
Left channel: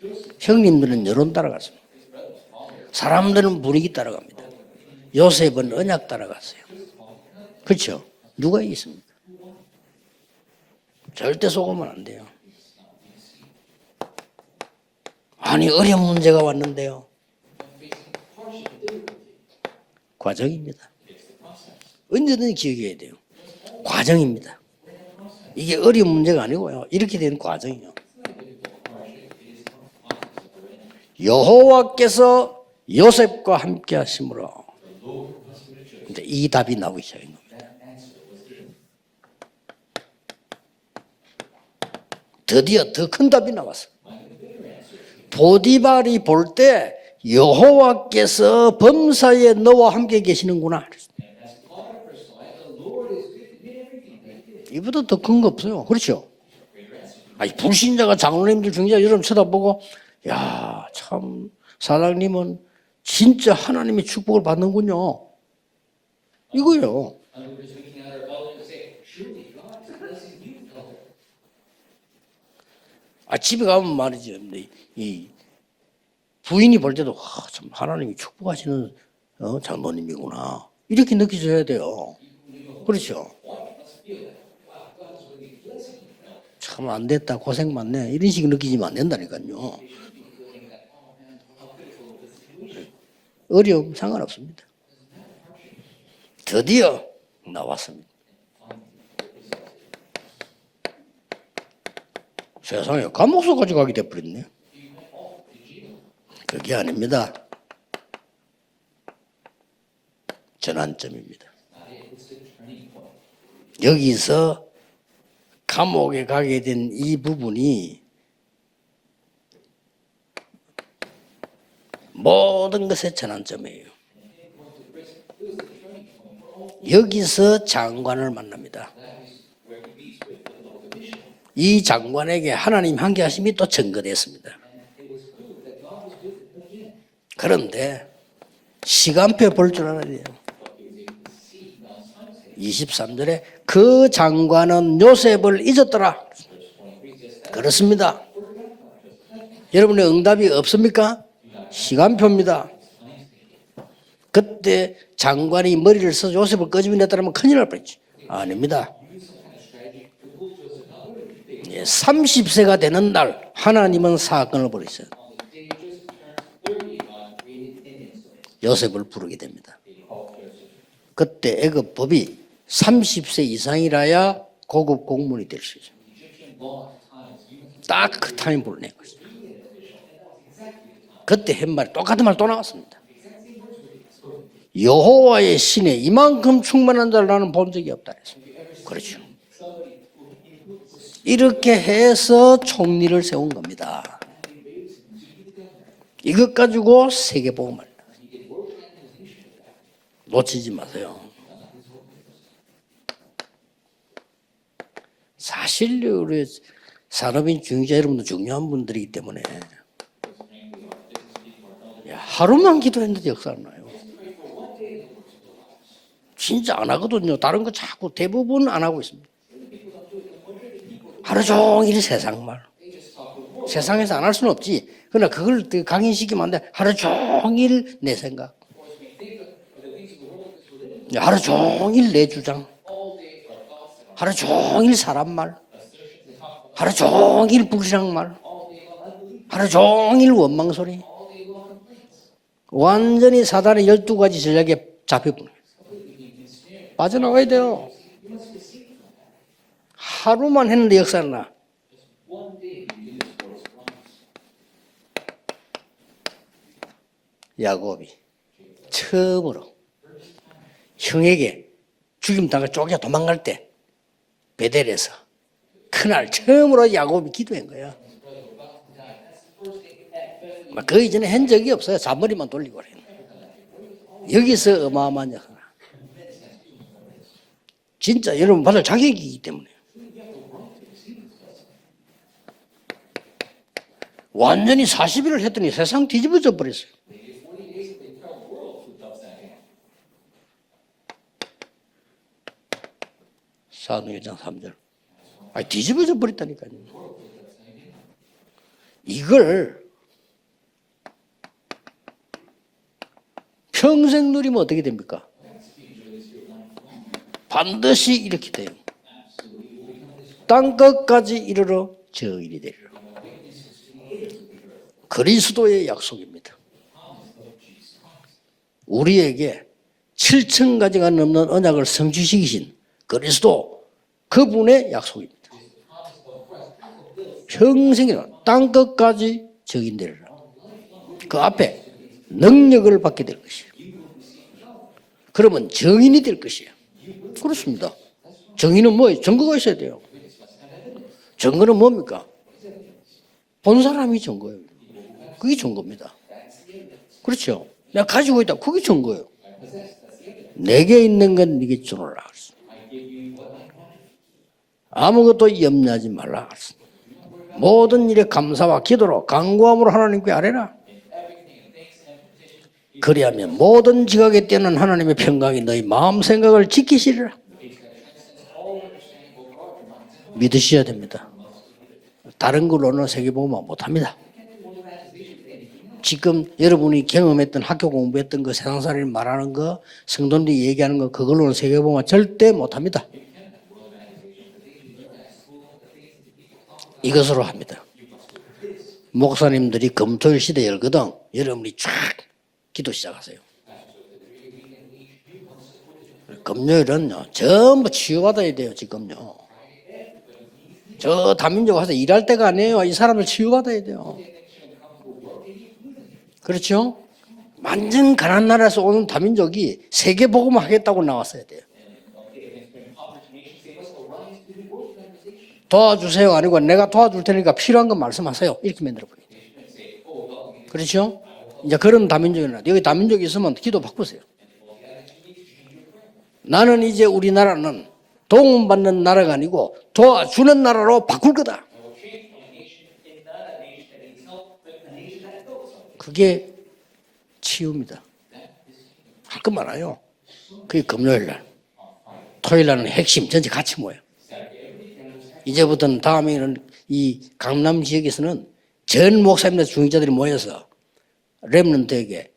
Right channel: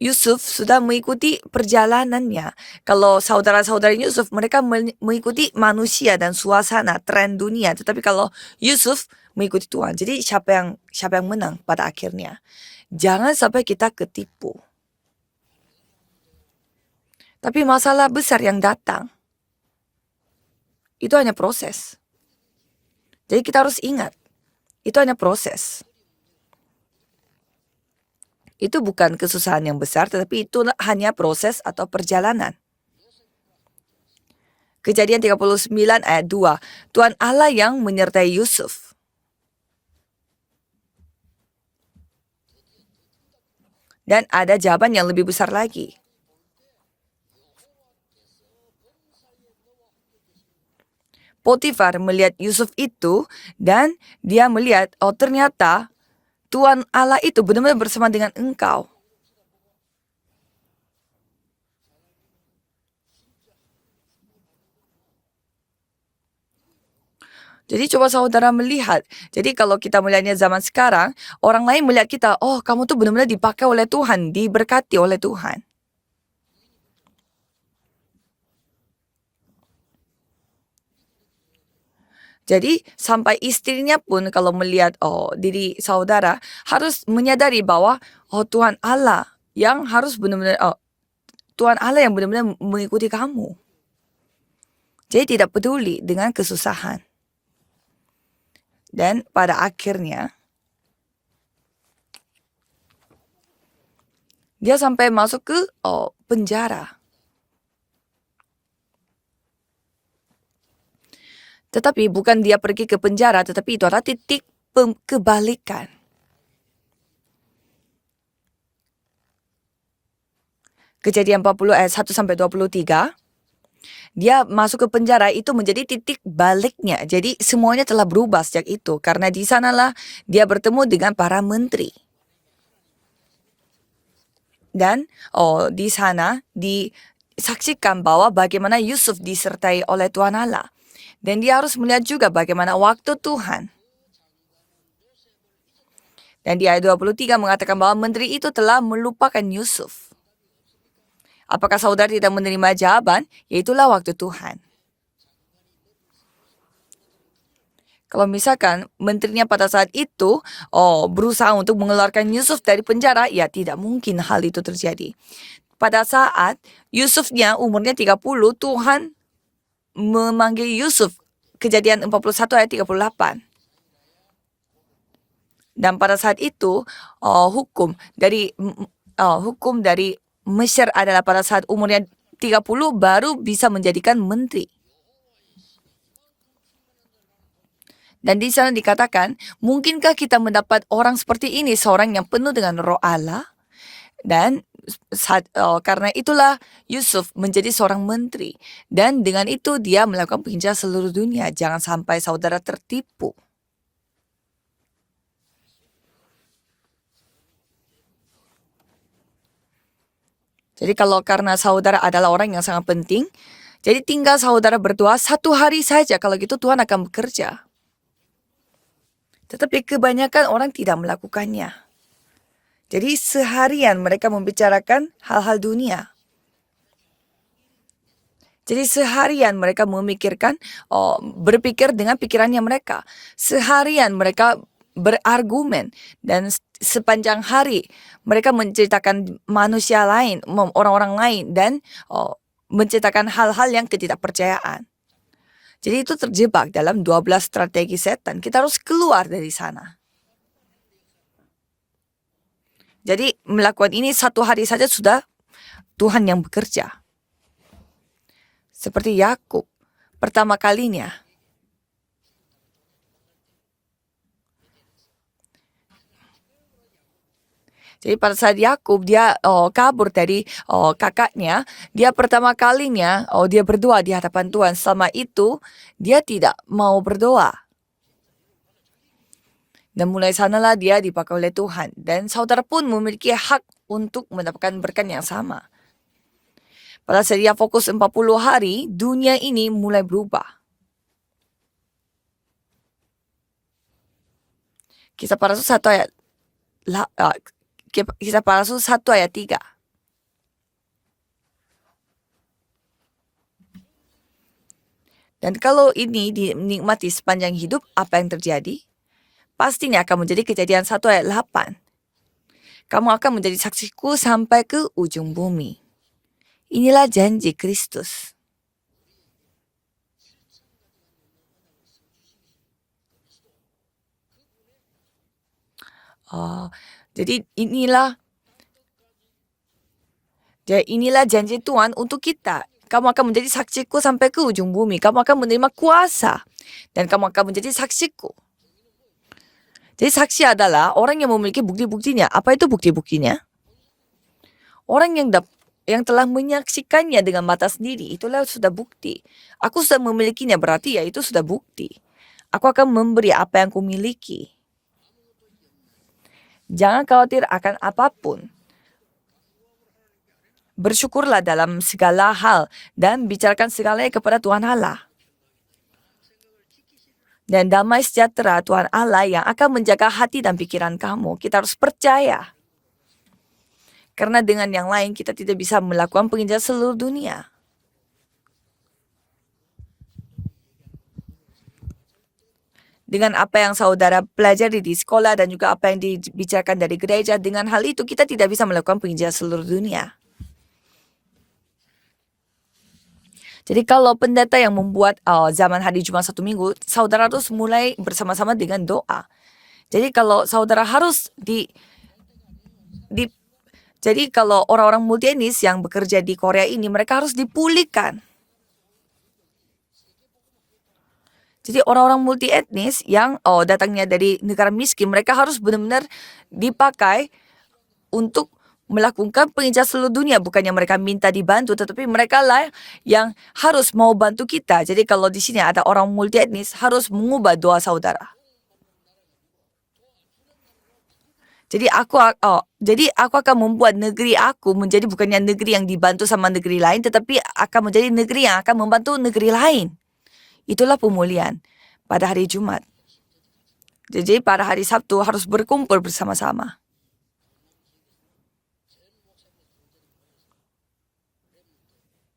Yusuf 형님들은 sudah 여론 mengikuti 따라갔어요. perjalanannya. Kalau 사람들은 saudara-saudara 분위기 Yusuf mereka mengikuti 요셉은 manusia 언약 dan 따라갔어요. suasana tren dunia. 그렇죠. Tapi kalau 누가 이겼어요? Yusuf mengikuti Tuhan, jadi siapa yang 절대 menang 속으면 pada 안 돼요. akhirnya? Jangan sampai kita ketipu. 아니 어려운 문제가 왔는데요. Tapi masalah besar yang datang 과정입니다. itu hanya proses. 언제든지 기억해야 돼요. Jadi kita harus ingat 과정입니다. itu hanya proses. 이게 어려운 문제가 아니고요. 이렇게 된 과정이요. Itu bukan kesusahan yang besar, tetapi itu hanya proses atau perjalanan. 여호와께서 요셉과 함께 하심으로 Kejadian 39 ayat 2. 이 답이 나오죠. Tuhan Allah yang menyertai Yusuf. 드디어 더 큰 답이 나왔어요. Dan ada jawaban yang lebih besar lagi. 보디발이 볼 때 여호와께서 범사에 너와 함께 계시는구나. Potifar melihat Yusuf itu dan dia melihat 이보다 더 큰 거 ternyata 없어요. 그렇죠? Tuhan Allah itu 아니, benar-benar bersama 불신자가 dengan 장로님들 engkau. 경제 여러분 쳐다보고 야, 참 사장님은 진짜 하나님의 축복을 받는군요. 이거요. Jadi coba saudara melihat. Jadi kalau kita melihatnya zaman sekarang, orang lain melihat kita, oh kamu tuh benar-benar dipakai 집에 oleh 가면 Tuhan, 말이죠. diberkati oleh Tuhan. 부인이 볼 때도 참 하나님이 축복하시는 장로님이구나. 이렇게 느껴져야 돼요. Jadi 그렇죠. sampai istrinya pun kalau melihat diri saudara harus 안 됐다, menyadari 고생 bahwa 많네. 이런 식으로 Tuhan 느끼면 안 Allah 된다니까요. yang harus benar-benar Tuhan Allah yang benar-benar mengikuti kamu. 어려움 상관없습니다. Jadi tidak peduli dengan 드디어 kesusahan. 나왔습니다. Dan pada akhirnya 세상에 감옥소까지 가게 돼버렸네. dia sampai masuk ke 그게 penjara. 아닙니다. 전환점입니다. Tetapi bukan dia pergi ke penjara, tetapi itu adalah titik 여기서 kebalikan. 감옥에 가게 된 이 부분이 Kejadian 40 ayat 1 sampai 모든 23. 것의 전환점이에요. Dia masuk ke penjara itu menjadi titik baliknya. Jadi 여기서 semuanya telah 장관을 berubah sejak 만납니다. itu. Karena di sanalah dia bertemu dengan para 이 menteri. 장관에게 하나님 함께하심이 또 증거됐습니다. Dan di sana disaksikan bahwa bagaimana Yusuf 시간표 disertai 볼 oleh 줄 Tuhan Allah. Dan dia harus melihat juga bagaimana waktu 23절에 Tuhan. 그 장관은 요셉을 잊었더라. Dan di ayat 23 mengatakan bahwa 그렇습니다. menteri itu telah melupakan Yusuf. 여러분의 응답이 없습니까? Apakah saudara tidak 시간표입니다. menerima jawaban? Yaitulah waktu Tuhan. 그때 장관이 머리를 써서 요셉을 꺼집어냈다면 큰일 날 뻔했지. Kalau misalkan 아닙니다. menterinya pada saat itu berusaha untuk mengeluarkan 30 Yusuf 세가 dari 되는 penjara, 날 ya tidak 하나님은 mungkin hal itu 사건을 terjadi. Pada saat Yusufnya umurnya 30, Tuhan 요셉을 부르게 됩니다. memanggil Yusuf. 그때 Kejadian 애굽법이 41 ayat 30세 38. 이상이라야 고급 공무원이 될 수 있어요. Dan pada saat itu hukum 딱 dari 타임 보내고 hukum dari Mesir adalah pada 그때 saat 한 말, umurnya 똑같은 말 또 30 baru bisa menjadikan menteri. 여호와의 신에 이만큼 충만한 자를 나는 본 적이 없다. Dan di sana dikatakan, mungkinkah kita mendapat orang seperti 이렇게 ini, seorang yang penuh 해서 dengan roh 총리를 Allah? 세운 겁니다. Dan karena itulah 이것 가지고 Yusuf 세계봉. menjadi seorang menteri. Dan dengan itu dia melakukan 놓치지 kerja 마세요. seluruh dunia. Jangan sampai saudara tertipu. 사실 우리 산업인 중자 여러분도 중요한 분들이기 때문에 Jadi kalau karena saudara adalah orang yang 하루만 sangat penting, 기도했는데 역사 안 나요. jadi tinggal saudara berdoa 1 hari saja. Kalau gitu 진짜 Tuhan 안 akan 하거든요. bekerja. 다른 거 자꾸 대부분 안 하고 있습니다. Tetapi kebanyakan orang tidak 하루 melakukannya. 종일 세상말. Jadi seharian 세상에서 mereka 안 할 수는 없지. membicarakan 그러나 hal-hal 그걸 그 dunia. 강인시키면 안 돼. 하루 종일 내 생각. Jadi seharian mereka memikirkan, Ya, harus berpikir 종일 dengan 내 pikirannya 주장. mereka. Seharian 하루 mereka 종일 사람 말. berargumen dan 하루 sepanjang 종일 hari 불신앙 말. mereka menceritakan 하루 manusia 종일 lain, 원망 소리. orang-orang lain dan menceritakan 완전히 hal-hal 사단의 yang 12가지 전략에 ketidakpercayaan. 잡혀버려. Jadi itu terjebak dalam 빠져나가야 12 돼요. strategi setan. Kita harus keluar dari sana. 하루만 했는데 역사는 나. Jadi melakukan ini satu hari saja sudah Tuhan yang bekerja. 야곱이 Seperti 처음으로 Yakub. Pertama kalinya 형에게 죽임 당해 쫓겨 도망갈 때 베델에서 그날 처음으로 야곱이 기도한 거야. Jadi pada saat Yakub dia kabur dari 그 이전에 한 kakaknya, 적이 없어요. dia 사버리고 pertama 버리고. kalinya dia berdoa di hadapan 여기서 Tuhan. Selama 어마어마하냐. itu dia tidak mau berdoa. 진짜 여러분 받을 자격이기 때문에 Dan mulai sanalah dia dipakai oleh Tuhan. Dan saudara pun memiliki hak untuk mendapatkan 완전히 berkat yang 40일을 sama. 했더니 세상 뒤집어져 버렸어. Pada saat dia fokus 40 hari, dunia ini mulai berubah. 사도행전 3절. Kisah para Rasul 1 ayat 뒤집어져 버렸다니까요. Kisah para Rasul 1 ayat 3. 이걸 평생 누리면 어떻게 됩니까? Dan kalau ini dinikmati sepanjang hidup, 반드시 apa yang 이렇게 terjadi? Pastinya akan menjadi kejadian 1 ayat 땅끝까지 8. 이르러 저일이 되리라. Kamu akan menjadi saksiku sampai ke ujung bumi. 그리스도의 약속입니다. Inilah janji Kristus. 우리에게 7천 가지가 넘는 언약을 성취시키신 그리스도 그분의 약속입니다. Jadi inilah 평생이나 땅끝까지 적인되리라. inilah janji 앞에 Tuhan untuk kita. 능력을 Kamu akan 받게 menjadi saksiku sampai ke ujung bumi. Kamu akan 그러면 menerima 정인이 kuasa. 될 것이야. Dan kamu akan menjadi 그렇습니다. saksiku. 정의는 뭐예요? 증거가 있어야 돼요. Jadi saksi adalah orang yang memiliki 증거는 bukti-buktinya. Apa itu bukti-buktinya? 본 사람이 증거예요. Orang 그게 증거입니다. yang telah menyaksikannya dengan 그렇죠. mata sendiri. 내가 가지고 Itulah 있다. sudah 그게 bukti. 증거예요. Aku sudah memilikinya, berarti 내게 itu 있는 sudah 건 네게 bukti. 주노라. Aku akan memberi apa yang kumiliki. 아무것도 염려하지 말라. Jangan khawatir akan 모든 일에 apapun. 감사와 기도로 간구함으로 하나님께 아뢰라. Bersyukurlah dalam segala hal dan 그리하면 bicarakan 모든 segalanya kepada 지각에 Tuhan 뛰는 Allah. 하나님의 평강이 너희 마음 생각을 지키시리라. Dan damai sejahtera Tuhan Allah yang akan menjaga hati dan 믿으셔야 pikiran 됩니다. kamu. Kita harus percaya. 다른 걸로는 세계복음화 못합니다. Karena dengan yang lain kita tidak bisa melakukan 지금 penginjilan seluruh 여러분이 dunia. 경험했던 학교 공부했던 거 세상살이 말하는 거 성도들이 얘기하는 거 그걸로는 세계복음화 절대 못합니다. Dengan apa yang saudara pelajari di sekolah dan juga apa yang dibicarakan dari gereja, 이것으로 dengan hal itu kita tidak bisa melakukan penginjilan seluruh 목사님들이 dunia. 금토일 시대 열거든 여러분이 쫙 기도 시작하세요. Jadi kalau pendeta yang membuat zaman hari Jumat satu minggu, 금요일은 saudara harus 전부 mulai 치유받아야 bersama-sama 돼요, dengan 지금. doa. Jadi kalau saudara harus 저 담임조 가서 일할 때가 아니에요. 이 사람들 치유받아야 돼요. jadi kalau orang-orang multietnis yang bekerja di Korea 그렇죠? ini mereka harus 완전 dipulihkan. 가난한 나라에서 오는 다민족이 세계복음 하겠다고 나왔어야 돼요. Jadi orang-orang multietnis yang datangnya dari negara miskin, mereka harus benar-benar 도와주세요 아니고 내가 도와줄 dipakai 테니까 필요한 거 말씀하세요. untuk 이렇게 면 melakukan penginjilan seluruh dunia. Bukannya mereka 그렇죠? minta dibantu, Ya, tetapi 그런 mereka 다민족, lah 여기 다민족이 yang 있으면 harus 기도 mau bantu kita. Jadi kalau di sini ada orang multietnis, 나는 harus 이제 mengubah 우리나라는 doa saudara. 도움받는 나라가 아니고 도와주는 나라로 바꿀 거다. Jadi aku akan membuat negeri aku menjadi bukannya negeri yang dibantu 그게 sama negeri lain, tetapi akan menjadi negeri yang akan membantu negeri 그거 lain. 말이에요. Itulah 금요일 날. pemulihan pada hari 토요일 Jumat. 날은 핵심 전체 같이 모여. Jadi pada hari Sabtu harus 이제부터는 berkumpul 다음에는 bersama-sama. 이 강남 지역에서는 전 목사님들 중직자들이 모여서 렘넌트에게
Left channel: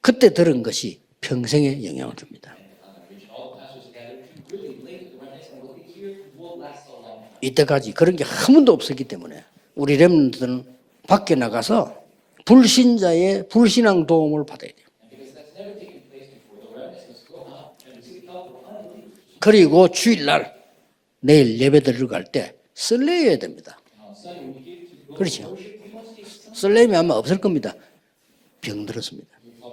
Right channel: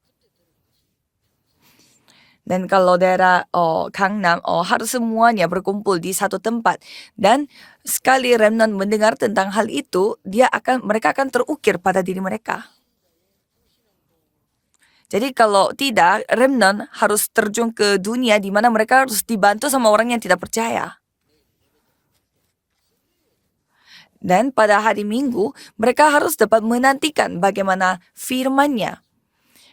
그때 들은 것이 평생에 영향을 줍니다. Dan kalau daerah Gangnam harus semuanya berkumpul di satu tempat. Dan 이때까지 sekali 그런 게 한 번도 remnant 없었기 mendengar 때문에 tentang hal 우리 itu, 렘넌트는 mereka akan 밖에 terukir 나가서 pada diri mereka. 불신자의 불신앙 도움을 받아야 돼요. Jadi kalau tidak, remnant harus terjun ke dunia di mana mereka harus dibantu 그리고 sama orang yang 주일날 tidak percaya. 내일 예배 드리러 갈 때 설레야 됩니다. Dan pada hari Minggu, mereka harus dapat 설렘이 아마 menantikan 없을 겁니다. bagaimana firman-Nya. 그렇습니다.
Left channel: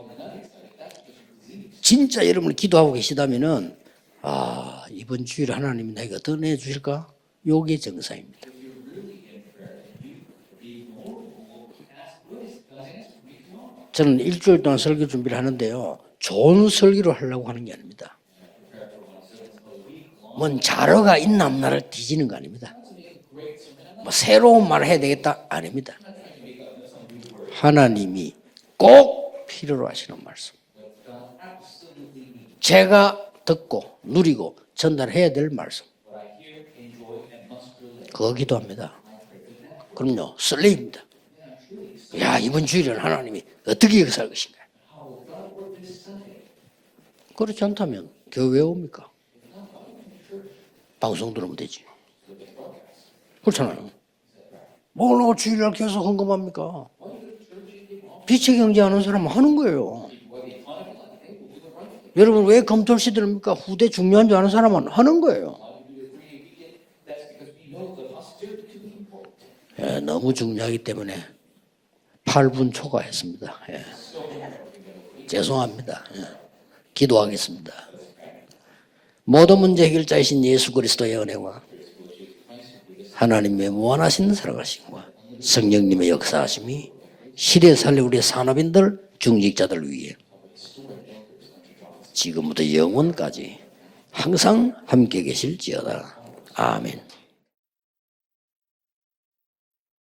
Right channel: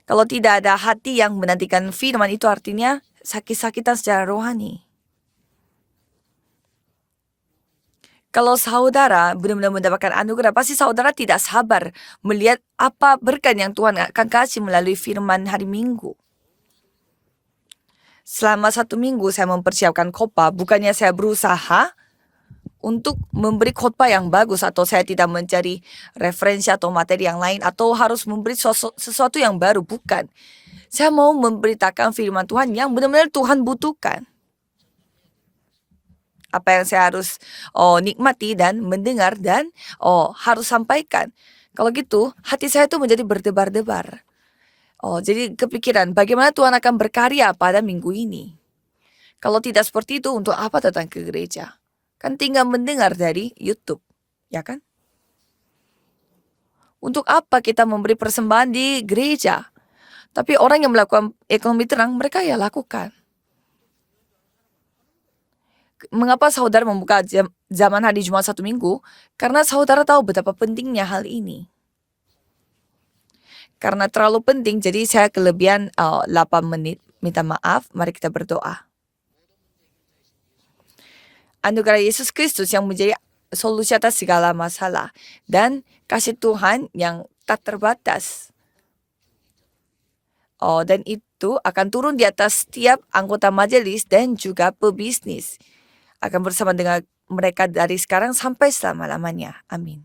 Kalau tidak ada hati yang menantikan 진짜 firman itu 여러분 artinya 기도하고 계시다면은 sakit-sakitan secara rohani. 이번 주일에 하나님이 나에게 어떤 애 주실까? 요게 정상입니다. Kalau saudara benar-benar mendapatkan anugerah, pasti saudara tidak sabar melihat apa berkat yang Tuhan 저는 akan kasih 일주일 동안 melalui 설교 firman 준비를 hari 하는데요. Minggu. 좋은 설교를 하려고 하는 게 아닙니다. Selama 1 minggu saya mempersiapkan khotbah, 그건 bukannya saya 자료가 있는 berusaha 나라 뒤지는 거 아닙니다. untuk memberi khotbah yang 새로운 bagus atau 말을 saya 해야 tidak 되겠다. mencari 아닙니다. referensi atau materi yang lain atau 하나님이 harus memberi 꼭 sesuatu yang baru, 필요로 하시는 bukan. 말씀. Saya mau memberitakan firman Tuhan yang 제가 benar-benar Tuhan 듣고 butuhkan. 누리고 전달해야 될 말씀. apa yang saya harus nikmati Gitu dan 합니다. mendengar dan 그러면 harus 설레입니다. sampaikan. Kalau gitu, 야, 이번 hati saya 주일을 tuh menjadi 하나님 어떻게 berdebar-debar. 역사할 것인가? Jadi kepikiran bagaimana Tuhan akan berkarya 그렇지 pada 않다면 minggu ini. 교회 왜 옵니까? Kalau tidak seperti itu, untuk apa datang ke 방송 들으면 gereja? 되지. Kan tinggal mendengar dari 그렇잖아요. YouTube, ya kan? 뭘로 주일날 계속 헌금합니까? Untuk apa kita memberi 빛의 persembahan 경제하는 di 사람 하는 gereja? 거예요. Tapi orang yang melakukan ekonomi terang, mereka 여러분 ya 왜 검토 lakukan. 시대입니까? 후대 중요한 줄 아는 사람은 하는 거예요. Mengapa saudara membuka zaman hari Jumat satu minggu? Karena saudara tahu 너무 betapa 중요하기 pentingnya 때문에. hal ini. 8분 초과했습니다. 예. Karena terlalu penting, jadi saya kelebihan 8 menit. Minta 기도하겠습니다. maaf, mari kita berdoa. 모든 문제 해결자이신 예수 그리스도의 은혜와 Anugerah Yesus Kristus yang menjadi 하나님의 solusi atas 무한하신 segala 사랑하심, masalah. Dan 성령님의 kasih Tuhan 역사하심이 yang tak 시대 살리 우리 terbatas. 산업인들 중직자들 위해 Dan itu akan turun di atas 지금부터 setiap 영원까지 anggota majelis dan 항상 juga 함께 pebisnis. 계실지어다. Akan bersama 아멘. dengan mereka dari sekarang sampai selama-lamanya. Amin.